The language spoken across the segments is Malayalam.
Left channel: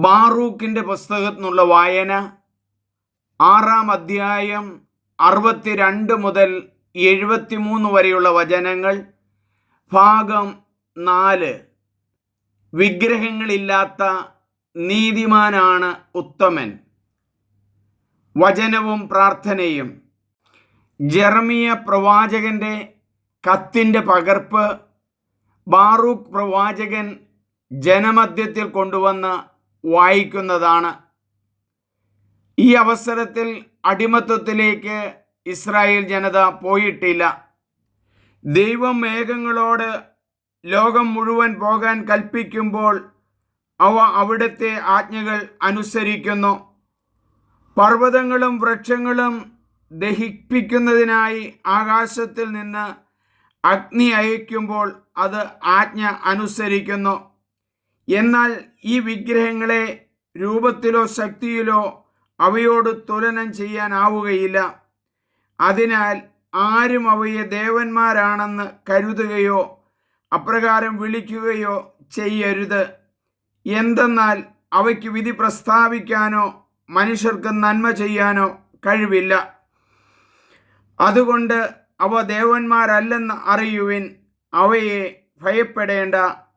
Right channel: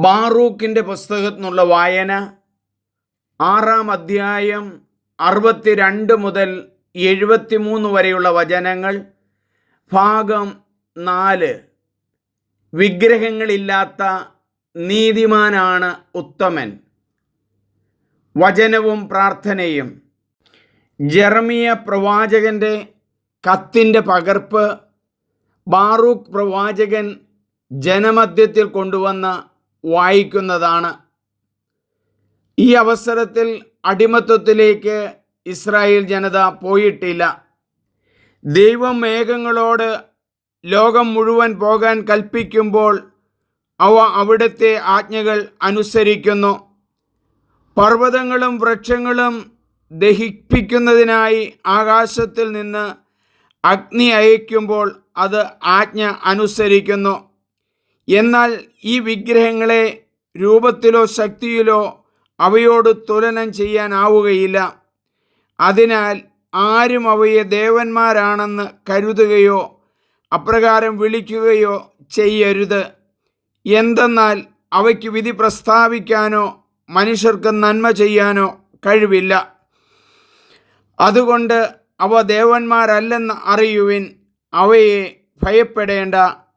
ബാറൂക്കിന്റെ പുസ്തകത്തിൽ നിന്നുള്ള വായന ആറാം അധ്യായം അറുപത്തിരണ്ട് മുതൽ എഴുപത്തിമൂന്ന് വരെയുള്ള വചനങ്ങൾ. ഭാഗം നാല്. വിഗ്രഹങ്ങളില്ലാത്ത നീതിമാനാണ് ഉത്തമൻ. വചനവും പ്രാർത്ഥനയും. ജെറമിയ പ്രവാചകന്റെ കത്തിന്റെ പകർപ്പ്. ബാറൂഖ് പ്രവാചകൻ ജനമധ്യത്തിൽ കൊണ്ടുവന്ന് വായിക്കുന്നതാണ്. ഈ അവസരത്തിൽ അടിമത്വത്തിലേക്ക് ഇസ്രായേൽ ജനത പോയിട്ടില്ല. ദൈവം മേഘങ്ങളോട് ലോകം മുഴുവൻ പോകാൻ കൽപ്പിക്കുമ്പോൾ അവ അവിടുത്തെ ആജ്ഞകൾ അനുസരിക്കുന്നു. പർവതങ്ങളും വൃക്ഷങ്ങളും ദഹിപ്പിക്കുന്നതിനായി ആകാശത്തിൽ നിന്ന് അഗ്നി അയക്കുമ്പോൾ അത് ആജ്ഞ അനുസരിക്കുന്നു. എന്നാൽ ഈ വിഗ്രഹങ്ങളെ രൂപത്തിലോ ശക്തിയിലോ അവയോട് തുലനം ചെയ്യാനാവുകയില്ല. അതിനാൽ ആരും അവയെ ദേവന്മാരാണെന്ന് കരുതുകയോ അപ്രകാരം വിളിക്കുകയോ ചെയ്യരുത്. എന്തെന്നാൽ അവയ്ക്ക് വിധി പ്രസ്താവിക്കാനോ മനുഷ്യർക്ക് നന്മ ചെയ്യാനോ കഴിവില്ല. അതുകൊണ്ട് അവ ദേവന്മാരല്ലെന്ന് അറിയുവിൻ. അവയെ ഭയപ്പെടേണ്ട.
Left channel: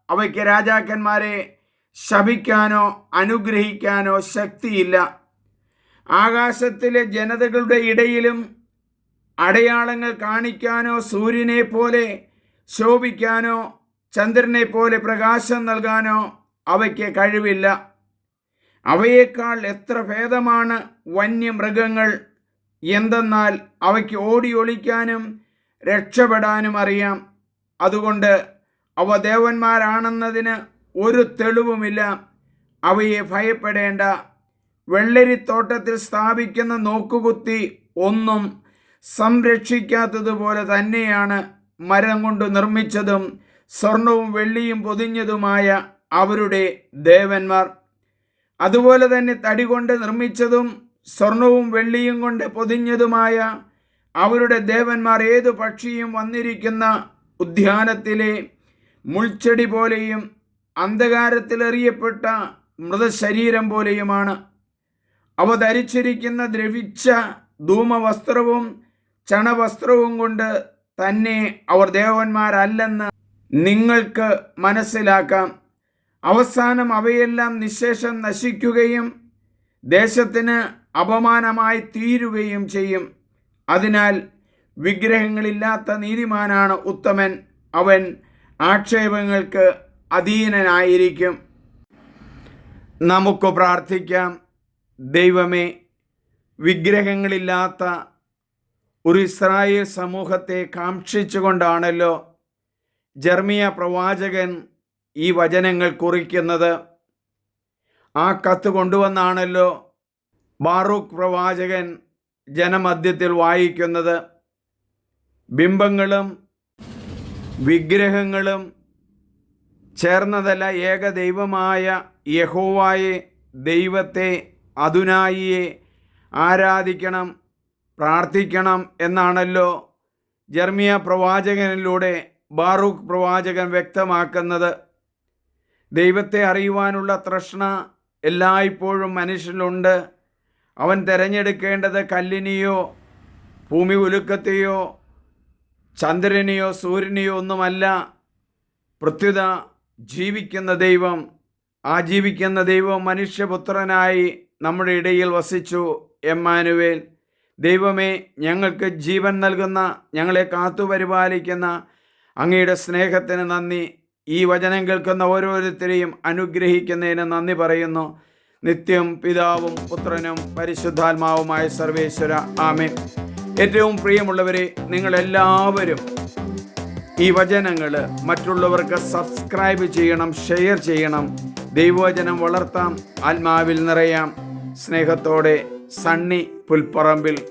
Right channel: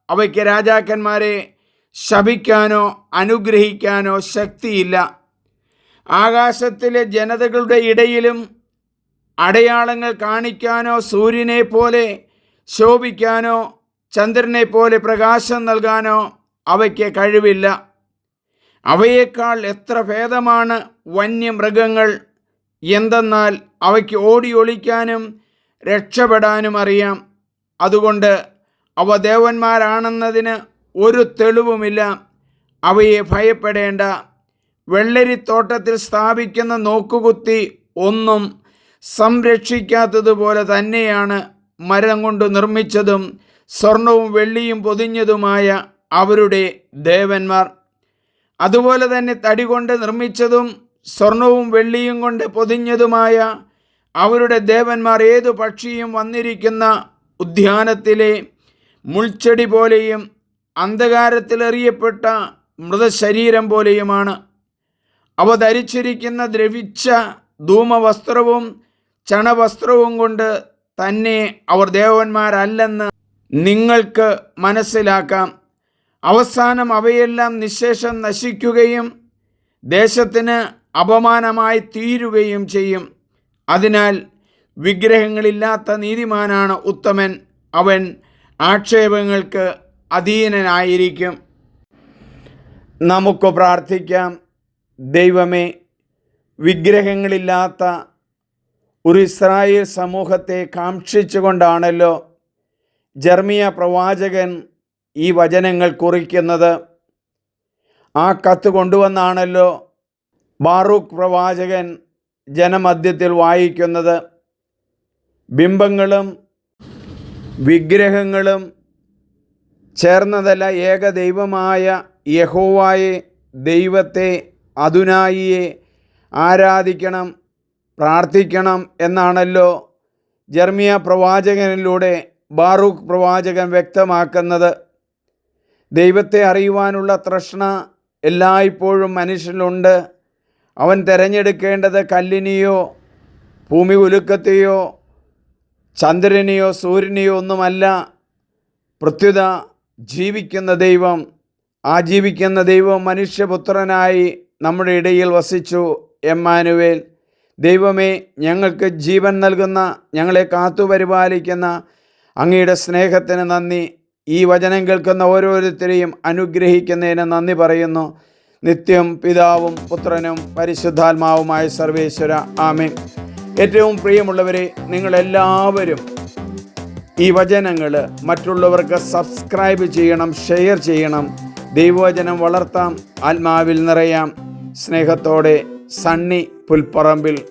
അവയ്ക്ക് രാജാക്കന്മാരെ ശപിക്കാനോ അനുഗ്രഹിക്കാനോ ശക്തിയില്ല. ആകാശത്തിലെ ജനതകളുടെ ഇടയിലും അടയാളങ്ങൾ കാണിക്കാനോ സൂര്യനെ പോലെ ശോഭിക്കാനോ ചന്ദ്രനെ പോലെ പ്രകാശം നൽകാനോ അവയ്ക്ക് കഴിവില്ല. അവയേക്കാൾ എത്ര ഭേദമാണ് വന്യമൃഗങ്ങൾ എന്തെന്നാൽ അവയ്ക്ക് ഓടി ഒളിക്കാനും രക്ഷപ്പെടാനും അറിയാം. അതുകൊണ്ട് അവ ദേവന്മാരാണെന്നതിന് ഒരു തെളിവുമില്ല. അവയെ ഭയപ്പെടേണ്ട. വെള്ളരിത്തോട്ടത്തിൽ സ്ഥാപിക്കുന്ന നോക്കുകുത്തി ഒന്നും സംരക്ഷിക്കാത്തതുപോലെ തന്നെയാണ് മരം കൊണ്ട് നിർമ്മിച്ചതും സ്വർണവും വെള്ളിയും പൊതിഞ്ഞതുമായ അവരുടെ ദേവന്മാർ. അതുപോലെ തന്നെ തടി കൊണ്ട് നിർമ്മിച്ചതും സ്വർണവും വെള്ളിയും കൊണ്ട് പൊതിഞ്ഞതുമായ അവരുടെ ദേവന്മാർ ഏതു പക്ഷിയും വന്നിരിക്കുന്ന ഉദ്യാനത്തിലെ മുൾച്ചെടി പോലെയും അന്ധകാരത്തിലെറിയപ്പെട്ട മൃതശരീരം പോലെയുമാണ്. അവ ധരിച്ചിരിക്കുന്ന ദ്രവിച്ച ധൂമവസ്ത്രവും ചണവസ്ത്രവും കൊണ്ട് തന്നെ അവർ ദേവന്മാരല്ലെന്ന് നിങ്ങൾക്ക് മനസ്സിലാക്കാം. അവസാനം അവയെല്ലാം നിശേഷം നശിക്കുകയും ദേശത്തിന് അപമാനമായി തീരുകയും ചെയ്യും. അതിനാൽ വിഗ്രഹങ്ങളില്ലാത്ത നീതിമാനാണ് ഉത്തമൻ. അവൻ ആക്ഷേപങ്ങൾക്ക് അധീനനായിരിക്കും. നമുക്ക് പ്രാർത്ഥിക്കാം. ദൈവമേ വിഗ്രഹങ്ങളില്ലാത്ത ഒരു ഇസ്രായേൽ സമൂഹത്തെ കാക്ഷിച്ചുകൊണ്ടാണല്ലോ ജർമിയ പ്രവാചകൻ ഈ വചനങ്ങൾ കുറിക്കുന്നത്. ആ കത്ത് കൊണ്ടുവന്നാണല്ലോ ബാറൂഖ് പ്രവാചകൻ ജനമധ്യത്തിൽ വായിക്കുന്നത്. ബിംബങ്ങളും വിഗ്രഹങ്ങളും ചേർന്നതല്ല ഏക ദൈവമായ യഹോവായെ ദൈവത്തെ അതുനായിയെ ആരാധിക്കണം പ്രാർത്ഥിക്കണം എന്നാണല്ലോ ജർമിയ പ്രവാചകനിലൂടെ ബാറൂഖ് പ്രവാചകൻ വ്യക്തമാക്കുന്നത്. ദൈവത്തെ അറിയുവാനുള്ള തൃഷ്ണ എല്ലായ്പ്പോഴും മനുഷ്യനുണ്ട് അവൻ തിരഞ്ഞെടുക്കേണ്ടത് കല്ലിനെയോ ഭൂമി ഉലുക്കത്തെയോ ചന്ദ്രനെയോ സൂര്യനെയോ ഒന്നുമല്ല. പ്രത്യുത ജീവിക്കുന്ന ദൈവം ആ ജീവിക്കുന്ന ദൈവം മനുഷ്യപുത്രനായി നമ്മുടെ ഇടയിൽ വസിച്ചു. എമ്മാനുവേൽ ദൈവമേ ഞങ്ങൾക്ക് ജീവൻ നൽകുന്ന ഞങ്ങളെ കാത്തുപരിപാലിക്കുന്ന അങ്ങയുടെ സ്നേഹത്തിന് നന്ദി. ഈ വചനം കേൾക്കുന്ന ഓരോരുത്തരെയും അനുഗ്രഹിക്കുന്നതിന് നന്ദി പറയുന്നു. നിത്യം പിതാവും പുത്രനും പരിശുദ്ധാത്മാവുമായ സർവേശ്വര. ആമേ ഏറ്റവും പ്രിയമുള്ളവരെ നിങ്ങളെല്ലാവരും ഈ വചനങ്ങൾ മറ്റുള്ളവർക്ക് സബ്സ്ക്രൈബ് ചെയ്യണം ഷെയർ ചെയ്യണം. ദൈവവചനം വളർത്താം ആത്മാവിൽ നിറയാം. സ്നേഹത്തോടെ സണ്ണി പുൽപ്പറമ്പിൽ